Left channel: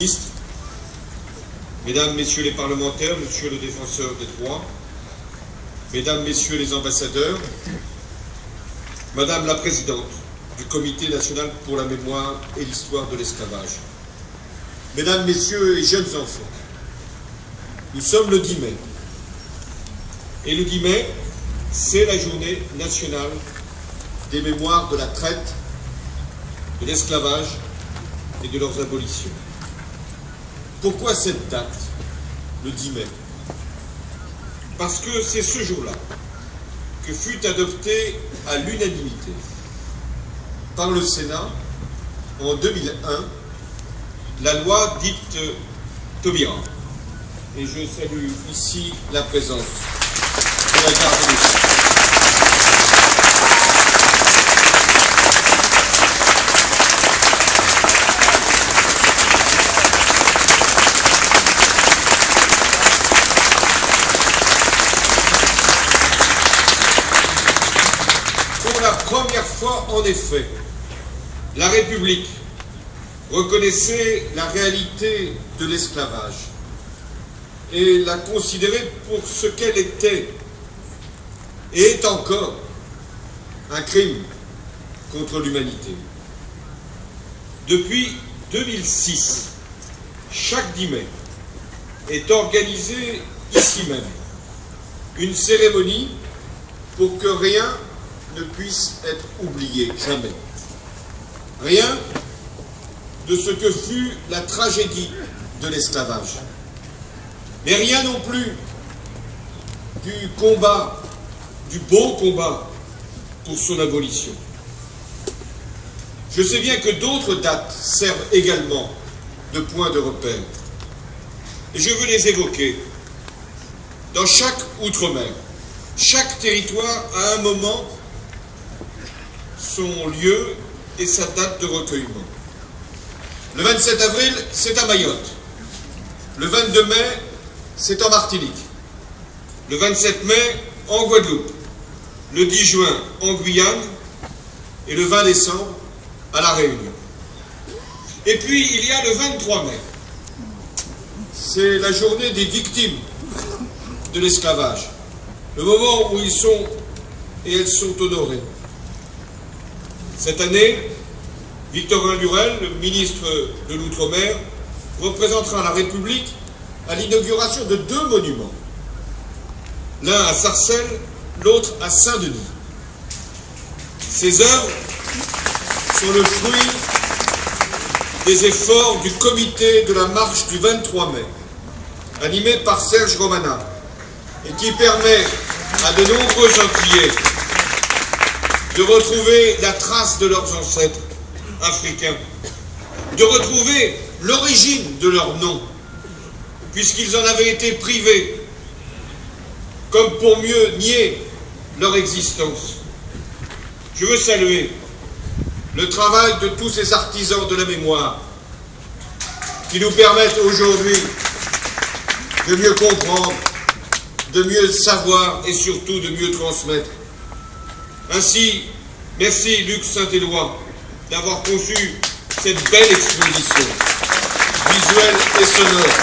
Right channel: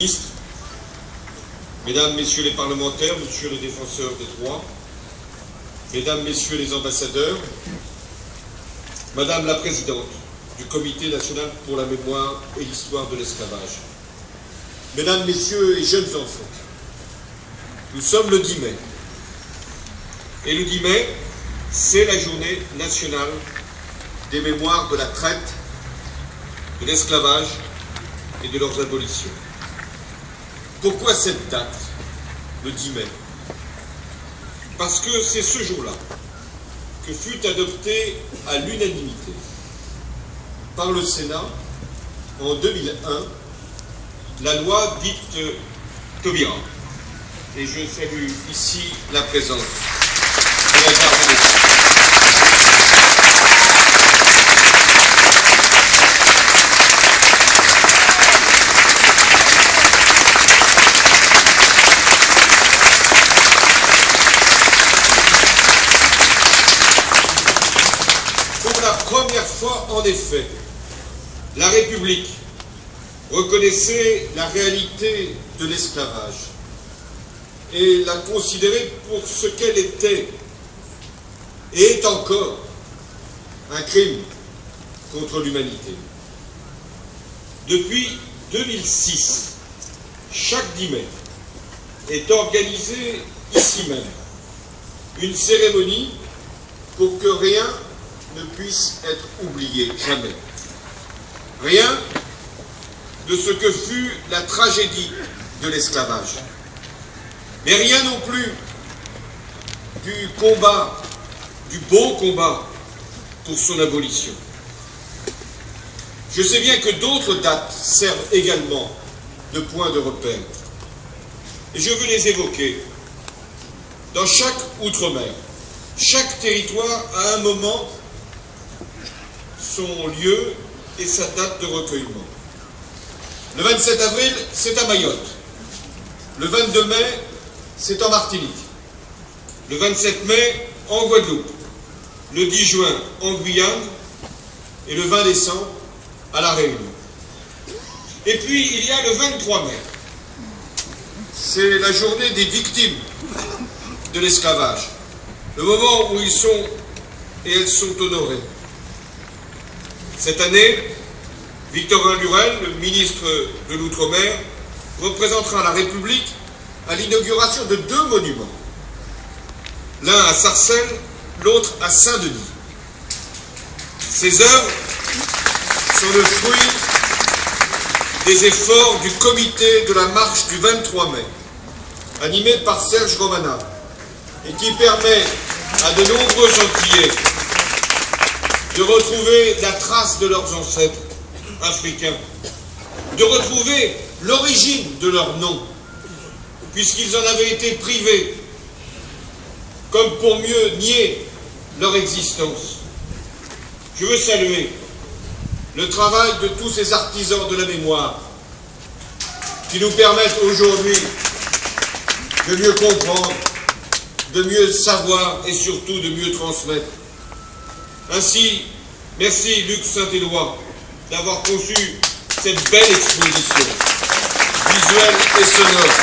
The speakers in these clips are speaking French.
Ministre, Mesdames, Messieurs les parlementaires, Monsieur le défenseur des droits, Mesdames, Messieurs les ambassadeurs, Madame la Présidente du Comité national pour la mémoire et l'histoire de l'esclavage, Mesdames, Messieurs et jeunes enfants, nous sommes le 10 mai. Et le 10 mai, c'est la journée nationale des mémoires de la traite, de l'esclavage et de leurs abolitions. Pourquoi cette date, le 10 mai? Parce que c'est ce jour-là que fut adoptée à l'unanimité par le Sénat en 2001 la loi dite Taubira. Et je salue ici la présence de la garde des Sceaux. Pour la première fois, en effet, la République reconnaissait la réalité de l'esclavage et la considérait pour ce qu'elle était et est encore un crime contre l'humanité. Depuis 2006, chaque 10 mai est organisée ici même une cérémonie pour que rien ne puisse être oublié, jamais. Rien de ce que fut la tragédie de l'esclavage. Mais rien non plus du combat, du beau combat pour son abolition. Je sais bien que d'autres dates servent également de point de repère. Et je veux les évoquer. Dans chaque outre-mer, chaque territoire a un moment, son lieu et sa date de recueillement. Le 27 avril, c'est à Mayotte. Le 22 mai, c'est en Martinique. Le 27 mai, en Guadeloupe. Le 10 juin, en Guyane. Et le 20 décembre, à La Réunion. Et puis, il y a le 23 mai. C'est la journée des victimes de l'esclavage. Le moment où ils sont et elles sont honorés. Cette année, Victorin Lurel, le ministre de l'Outre-mer, représentera la République à l'inauguration de 2 monuments. L'un à Sarcelles, l'autre à Saint-Denis. Ces œuvres sont le fruit des efforts du comité de la marche du 23 mai, animé par Serge Romana, et qui permet à de nombreux Antillais de retrouver la trace de leurs ancêtres africains, de retrouver l'origine de leur nom, puisqu'ils en avaient été privés, comme pour mieux nier leur existence. Je veux saluer le travail de tous ces artisans de la mémoire qui nous permettent aujourd'hui de mieux comprendre, de mieux savoir et surtout de mieux transmettre. Ainsi, merci Luc Saint-Éloi d'avoir conçu cette belle exposition, visuelle et sonore.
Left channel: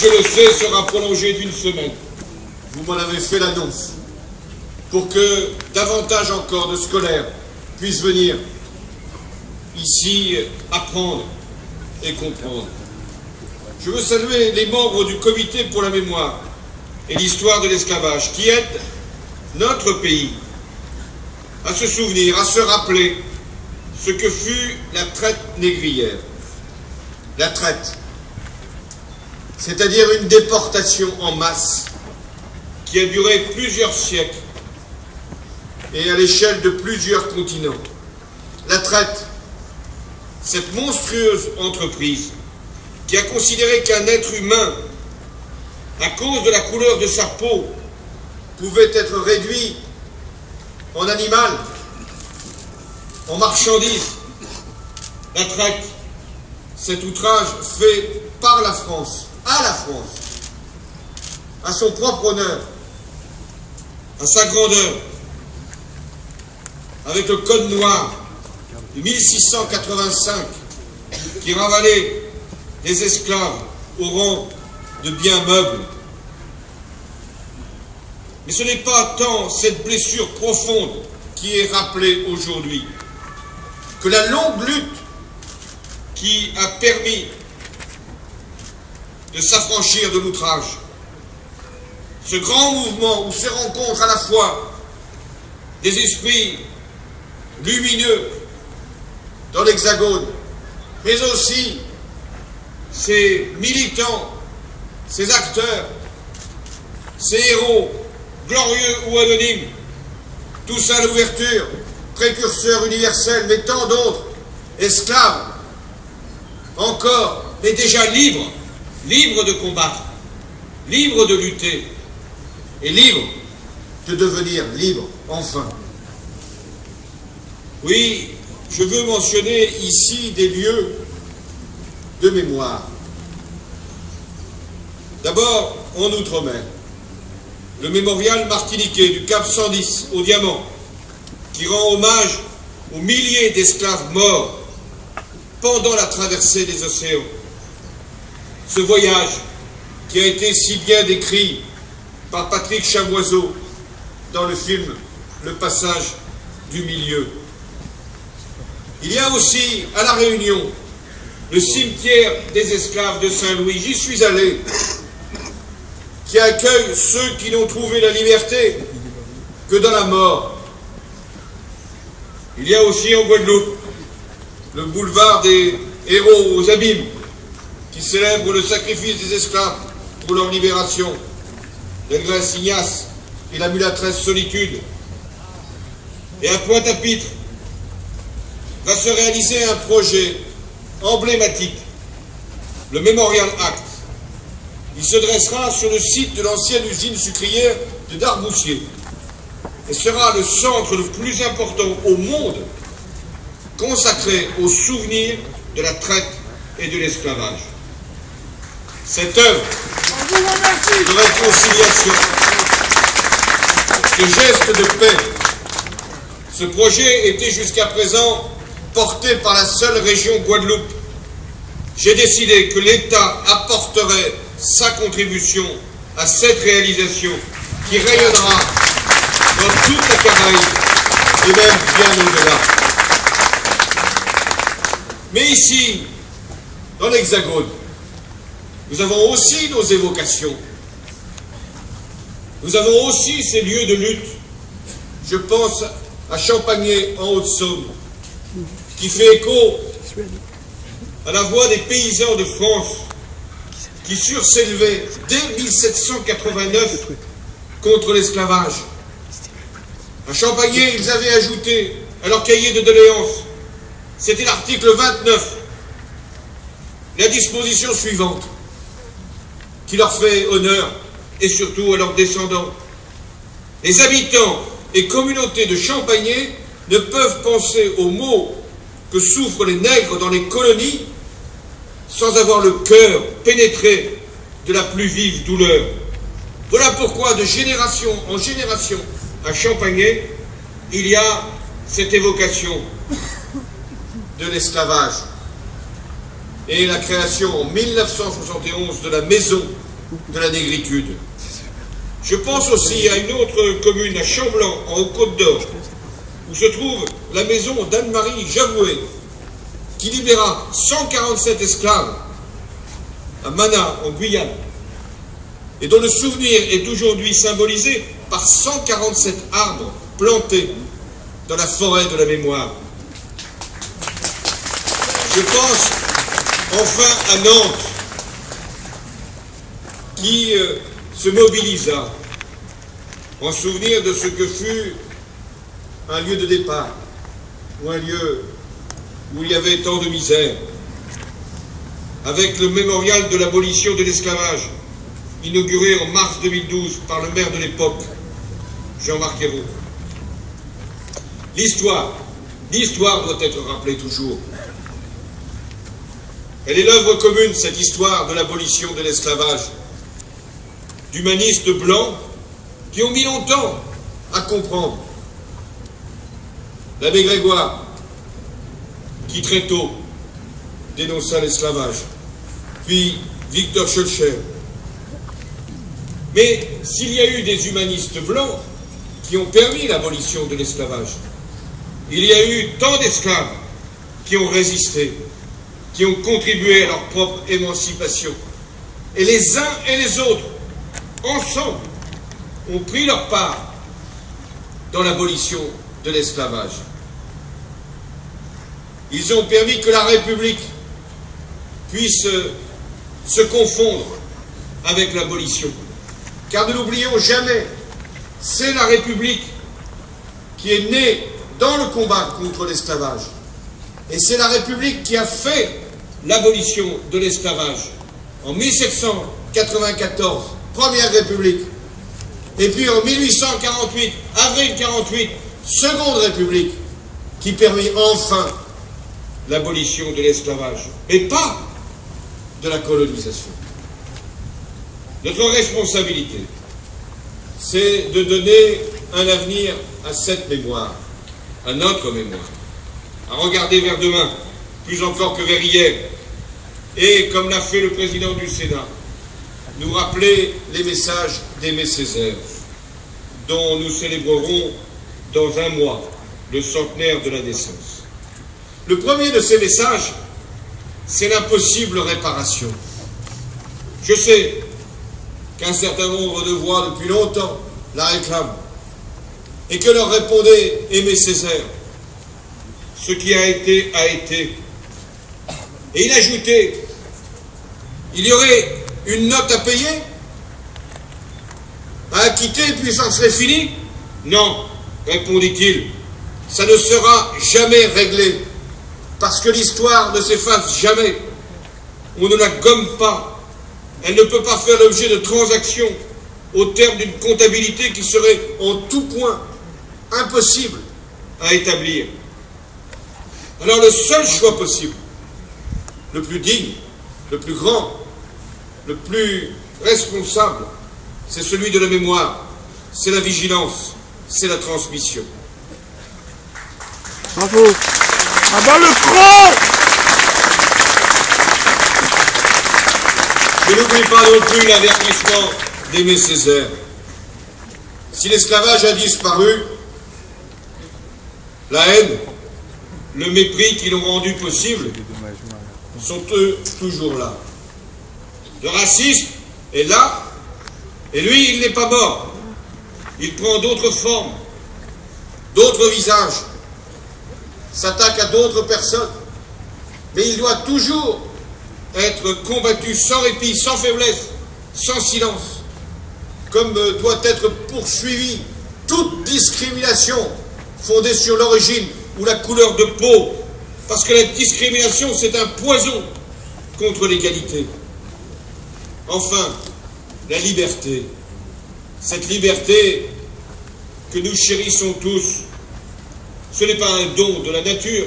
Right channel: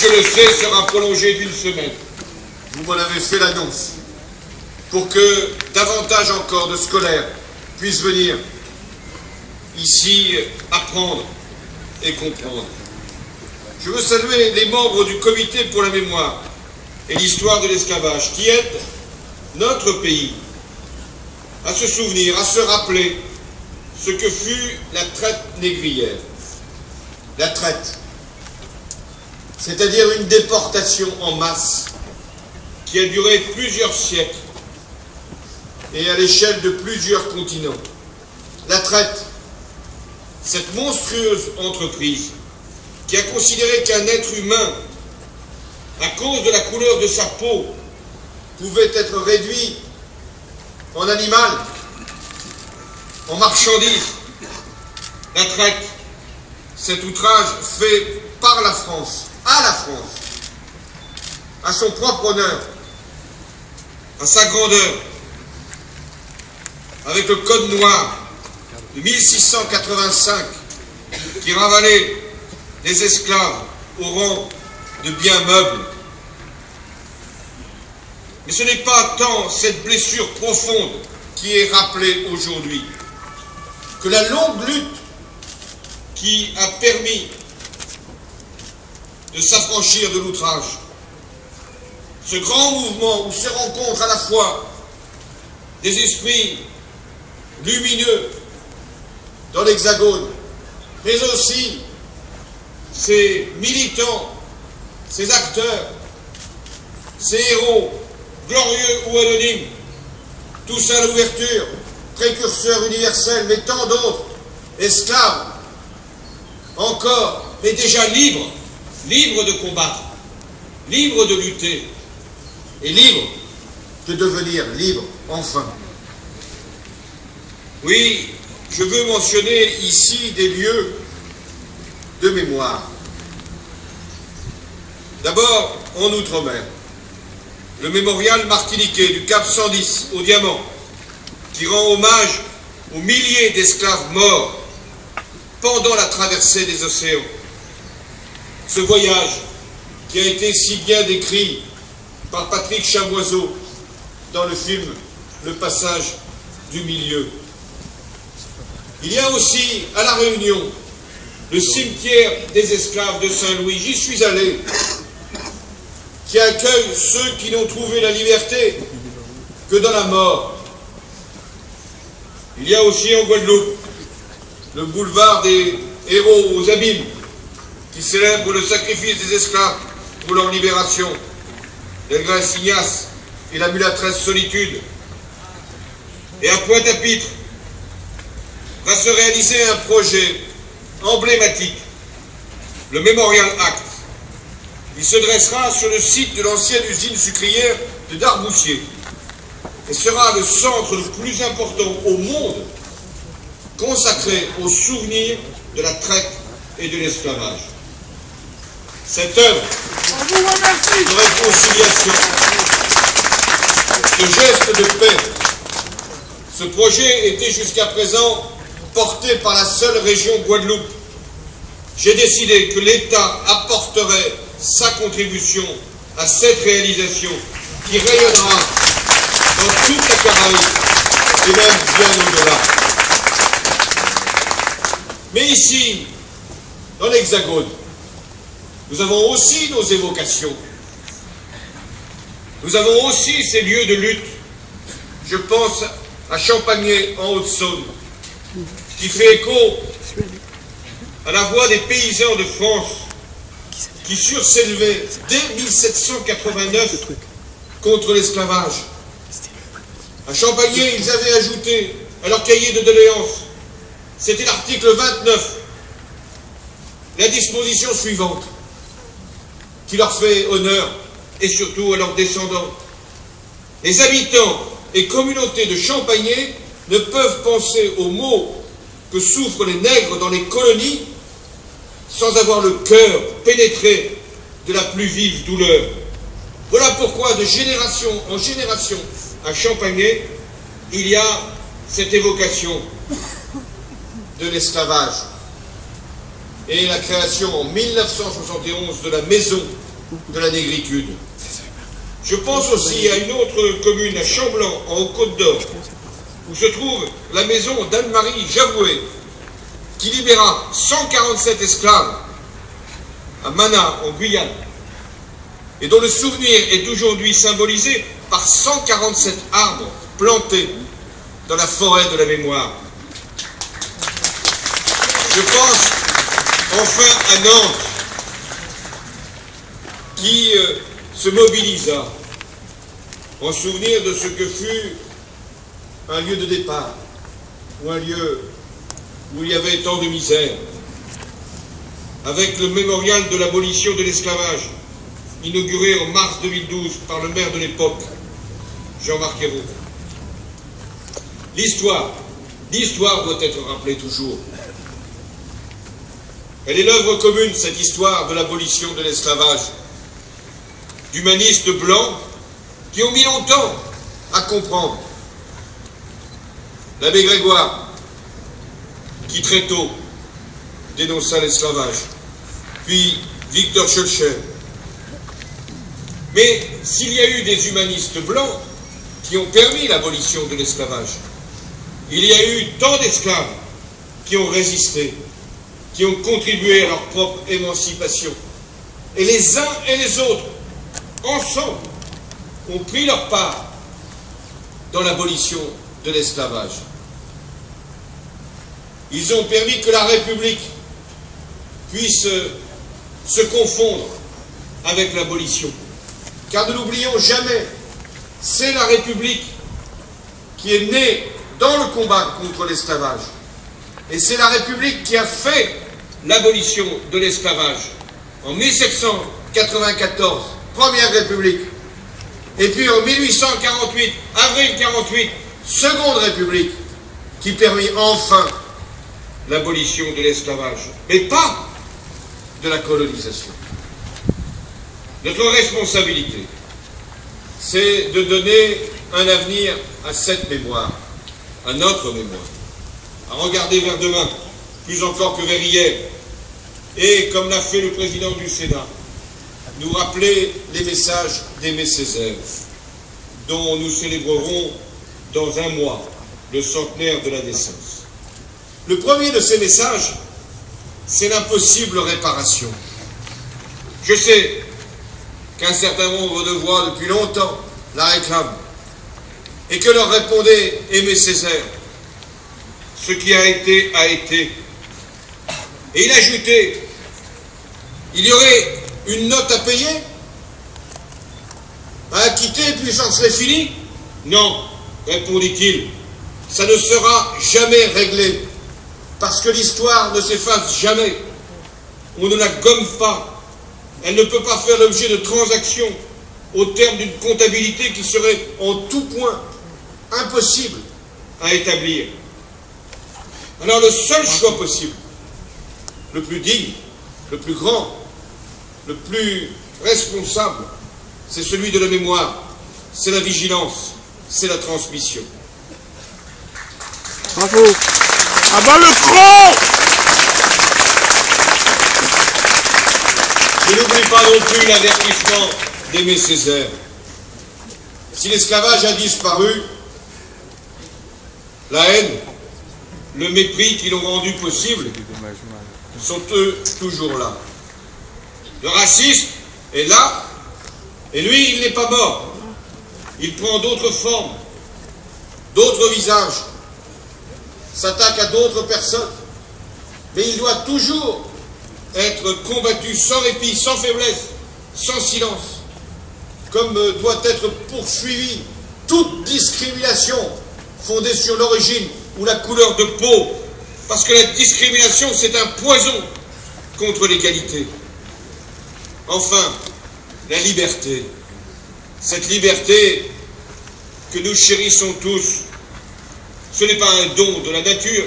Je le sais, sera prolongée d'1 semaine. Vous m'en avez fait l'annonce, pour que davantage encore de scolaires puissent venir ici apprendre et comprendre. Je veux saluer les membres du Comité pour la mémoire et l'histoire de l'esclavage qui aident notre pays à se souvenir, à se rappeler ce que fut la traite négrière. La traite, c'est-à-dire une déportation en masse qui a duré plusieurs siècles et à l'échelle de plusieurs continents. La traite, cette monstrueuse entreprise qui a considéré qu'un être humain, à cause de la couleur de sa peau, pouvait être réduit en animal, en marchandise. La traite, cet outrage fait par la France, à la France, à son propre honneur, à sa grandeur, avec le Code noir de 1685 qui ravalait les esclaves au rang de biens meubles. Mais ce n'est pas tant cette blessure profonde qui est rappelée aujourd'hui que la longue lutte qui a permis de s'affranchir de l'outrage. Ce grand mouvement où se rencontrent à la fois des esprits lumineux dans l'Hexagone, mais aussi ces militants, ces acteurs, ces héros, glorieux ou anonymes, tous à l'ouverture, précurseurs universels, mais tant d'autres, esclaves, encore, mais déjà libres, libres de combattre, libres de lutter, et libres de devenir libres, enfin. Oui, je veux mentionner ici des lieux de mémoire. D'abord, en Outre-mer, le mémorial martiniquais du Cap 110 au Diamant, qui rend hommage aux milliers d'esclaves morts pendant la traversée des océans. Ce voyage qui a été si bien décrit par Patrick Chamoiseau dans le film Le Passage du Milieu. Il y a aussi à La Réunion le cimetière des esclaves de Saint-Louis. J'y suis allé, qui accueille ceux qui n'ont trouvé la liberté que dans la mort. Il y a aussi en Guadeloupe le boulevard des héros aux abîmes, qui célèbre le sacrifice des esclaves pour leur libération. Delgrès Ignace et la mulâtresse Solitude. Et à Pointe-à-Pitre va se réaliser un projet emblématique, le Memorial Act. Il se dressera sur le site de l'ancienne usine sucrière de Darboussier et sera le centre le plus important au monde consacré au souvenir de la traite et de l'esclavage. Cette œuvre de réconciliation, ce geste de paix, ce projet était jusqu'à présent porté par la seule région Guadeloupe. J'ai décidé que l'État apporterait sa contribution à cette réalisation qui rayonnera dans toute la Caraïbe et même bien au-delà. Mais ici, dans l'Hexagone, nous avons aussi nos évocations. Nous avons aussi ces lieux de lutte. Je pense à Champagné en Haute-Saône, qui fait écho à la voix des paysans de France qui surent s'élever dès 1789 contre l'esclavage. À Champagné, ils avaient ajouté à leur cahier de doléances, c'était l'article 29, la disposition suivante, qui leur fait honneur, et surtout à leurs descendants. Les habitants et communautés de Champagné ne peuvent penser aux maux que souffrent les nègres dans les colonies sans avoir le cœur pénétré de la plus vive douleur. Voilà pourquoi de génération en génération à Champagné, il y a cette évocation de l'esclavage et la création en 1971 de la maison de la négritude. Je pense aussi à une autre commune, à Chamblanc, en Côte-d'Or, où se trouve la maison d'Anne-Marie Javoué, qui libéra 147 esclaves à Mana, en Guyane, et dont le souvenir est aujourd'hui symbolisé par 147 arbres plantés dans la forêt de la mémoire. Je pense enfin à Nantes, qui se mobilisa en souvenir de ce que fut un lieu de départ, ou un lieu où il y avait tant de misère, avec le mémorial de l'abolition de l'esclavage, inauguré en mars 2012 par le maire de l'époque, Jean-Marc Ayrault. L'histoire doit être rappelée toujours. Elle est l'œuvre commune, cette histoire de l'abolition de l'esclavage, d'humanistes blancs qui ont mis longtemps à comprendre. L'abbé Grégoire, qui très tôt dénonça l'esclavage, puis Victor Schœlcher. Mais s'il y a eu des humanistes blancs qui ont permis l'abolition de l'esclavage, il y a eu tant d'esclaves qui ont résisté, qui ont contribué à leur propre émancipation. Et les uns et les autres, ensemble, ont pris leur part dans l'abolition de l'esclavage. Ils ont permis que la République puisse se confondre avec l'abolition. Car ne l'oublions jamais, c'est la République qui est née dans le combat contre l'esclavage. Et c'est la République qui a fait l'abolition de l'esclavage en 1794, première République. Et puis en 1848, avril 48, seconde République, qui permit enfin l'abolition de l'esclavage, mais pas de la colonisation. Notre responsabilité, c'est de donner un avenir à cette mémoire, à notre mémoire, à regarder vers demain, plus encore que vers hier, et, comme l'a fait le président du Sénat, nous rappeler les messages d'Aimé Césaire, dont nous célébrerons dans un mois le centenaire de la naissance. Le premier de ces messages, c'est l'impossible réparation. Je sais qu'un certain nombre de voix depuis longtemps la réclament, et que leur répondait Aimé Césaire: ce qui a été, a été. Et il ajoutait: il y aurait une note à payer, à acquitter, puis ça serait fini? Non, répondit-il, ça ne sera jamais réglé, parce que l'histoire ne s'efface jamais. On ne la gomme pas. Elle ne peut pas faire l'objet de transactions au terme d'une comptabilité qui serait en tout point impossible à établir. Alors le seul choix possible, le plus digne, le plus grand, le plus responsable, c'est celui de la mémoire, c'est la vigilance, c'est la transmission. Bravo. À bas le front. Je n'oublie pas non plus l'avertissement d'Aimé Césaire. Si l'esclavage a disparu, la haine, le mépris qui l'ont rendu possible sont eux toujours là. Le racisme est là, et lui, il n'est pas mort. Il prend d'autres formes, d'autres visages, s'attaque à d'autres personnes, mais il doit toujours être combattu sans répit, sans faiblesse, sans silence, comme doit être poursuivie toute discrimination fondée sur l'origine ou la couleur de peau, parce que la discrimination, c'est un poison contre l'égalité. Enfin, la liberté, cette liberté que nous chérissons tous, ce n'est pas un don de la nature,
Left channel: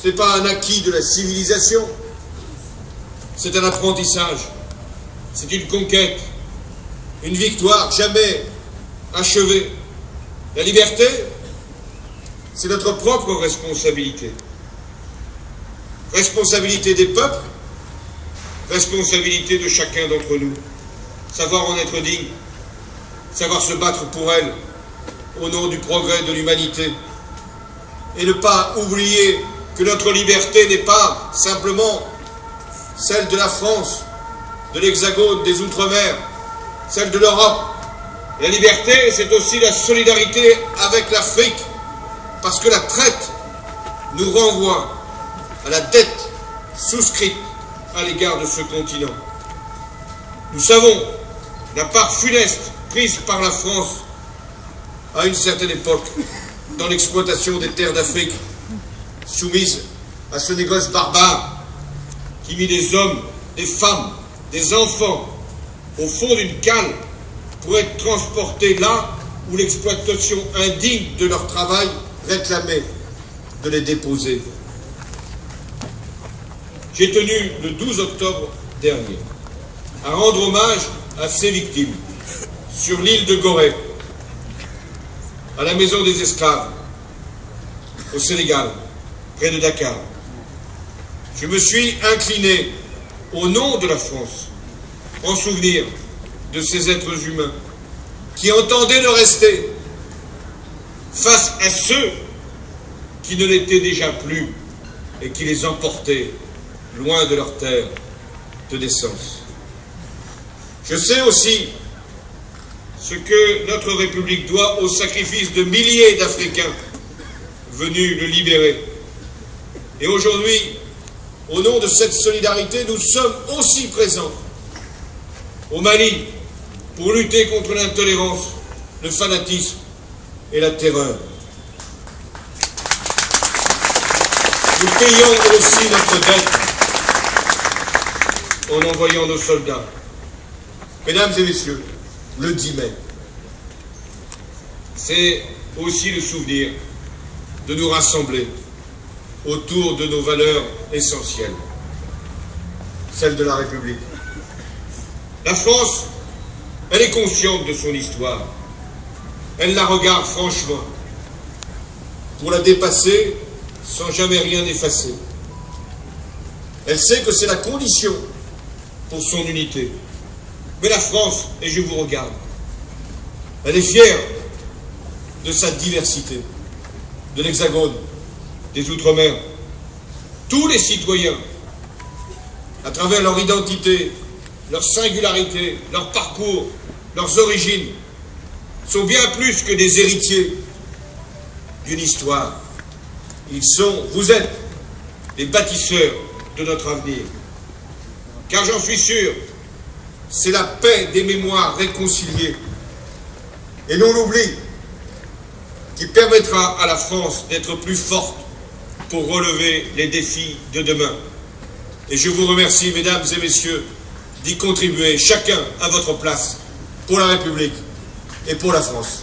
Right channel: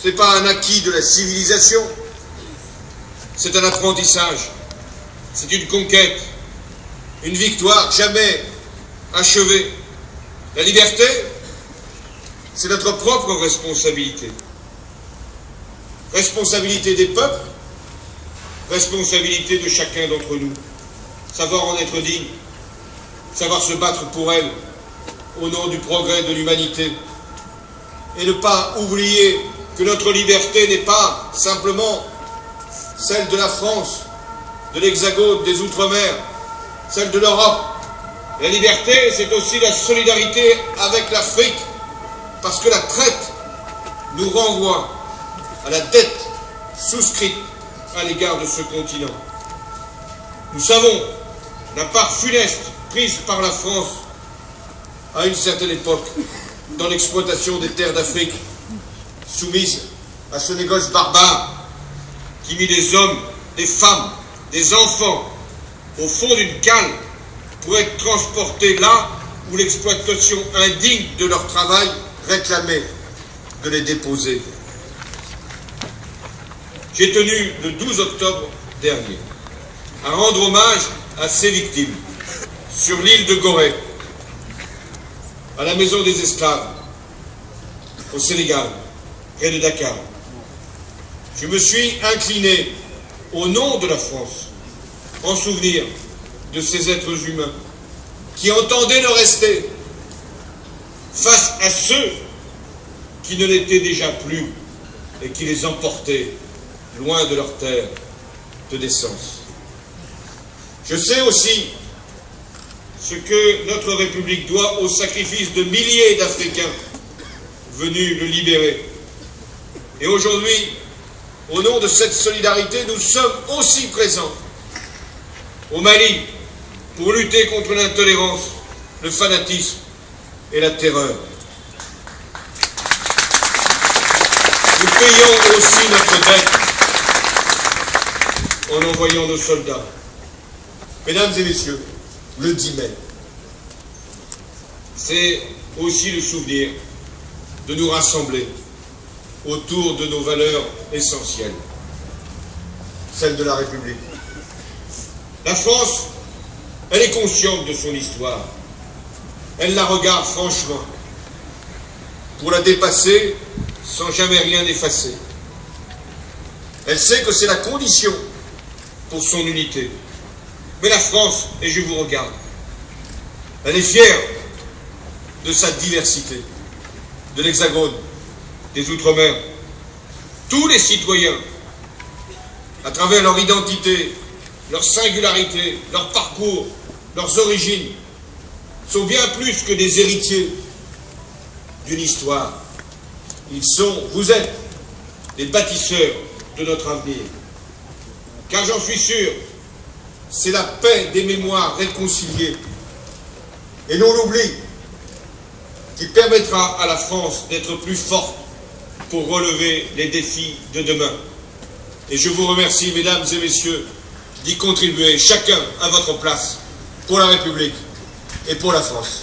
ce n'est pas un acquis de la civilisation, c'est un apprentissage, c'est une conquête, une victoire jamais achevée. La liberté, c'est notre propre responsabilité. Responsabilité des peuples, responsabilité de chacun d'entre nous. Savoir en être digne, savoir se battre pour elle, au nom du progrès de l'humanité. Et ne pas oublier que notre liberté n'est pas simplement celle de la France, de l'Hexagone, des Outre-mer, celle de l'Europe. La liberté, c'est aussi la solidarité avec l'Afrique, parce que la traite nous renvoie à la dette souscrite à l'égard de ce continent. Nous savons la part funeste prise par la France à une certaine époque dans l'exploitation des terres d'Afrique, soumise à ce négoce barbare qui mit des hommes, des femmes, des enfants au fond d'une cale pour être transportés là où l'exploitation indigne de leur travail réclamait de les déposer. J'ai tenu le 12 octobre dernier à rendre hommage à ces victimes sur l'île de Gorée, à la maison des esclaves, au Sénégal, près de Dakar. je me suis incliné au nom de la France, en souvenir de ces êtres humains qui entendaient ne rester face à ceux qui ne l'étaient déjà plus et qui les emportaient loin de leur terre de naissance. Je sais aussi ce que notre République doit au sacrifice de milliers d'Africains venus le libérer. Et aujourd'hui, au nom de cette solidarité, nous sommes aussi présents au Mali pour lutter contre l'intolérance, le fanatisme et la terreur. Nous payons aussi notre dette en envoyant nos soldats. Mesdames et messieurs, le 10 mai, c'est aussi le souvenir de nous rassembler autour de nos valeurs essentielles, celles de la République. La France, elle est consciente de son histoire. Elle la regarde franchement pour la dépasser sans jamais rien effacer. Elle sait que c'est la condition pour son unité. Mais la France, et je vous regarde, elle est fière de sa diversité, de l'Hexagone, des Outre-mer. Tous les citoyens, à travers leur identité, leur singularité, leur parcours, leurs origines, sont bien plus que des héritiers d'une histoire. Vous êtes les bâtisseurs de notre avenir. Car j'en suis sûr, c'est la paix des mémoires réconciliées et non l'oubli qui permettra à la France d'être plus forte pour relever les défis de demain. Et je vous remercie, mesdames et messieurs, d'y contribuer, chacun à votre place, pour la République et pour la France.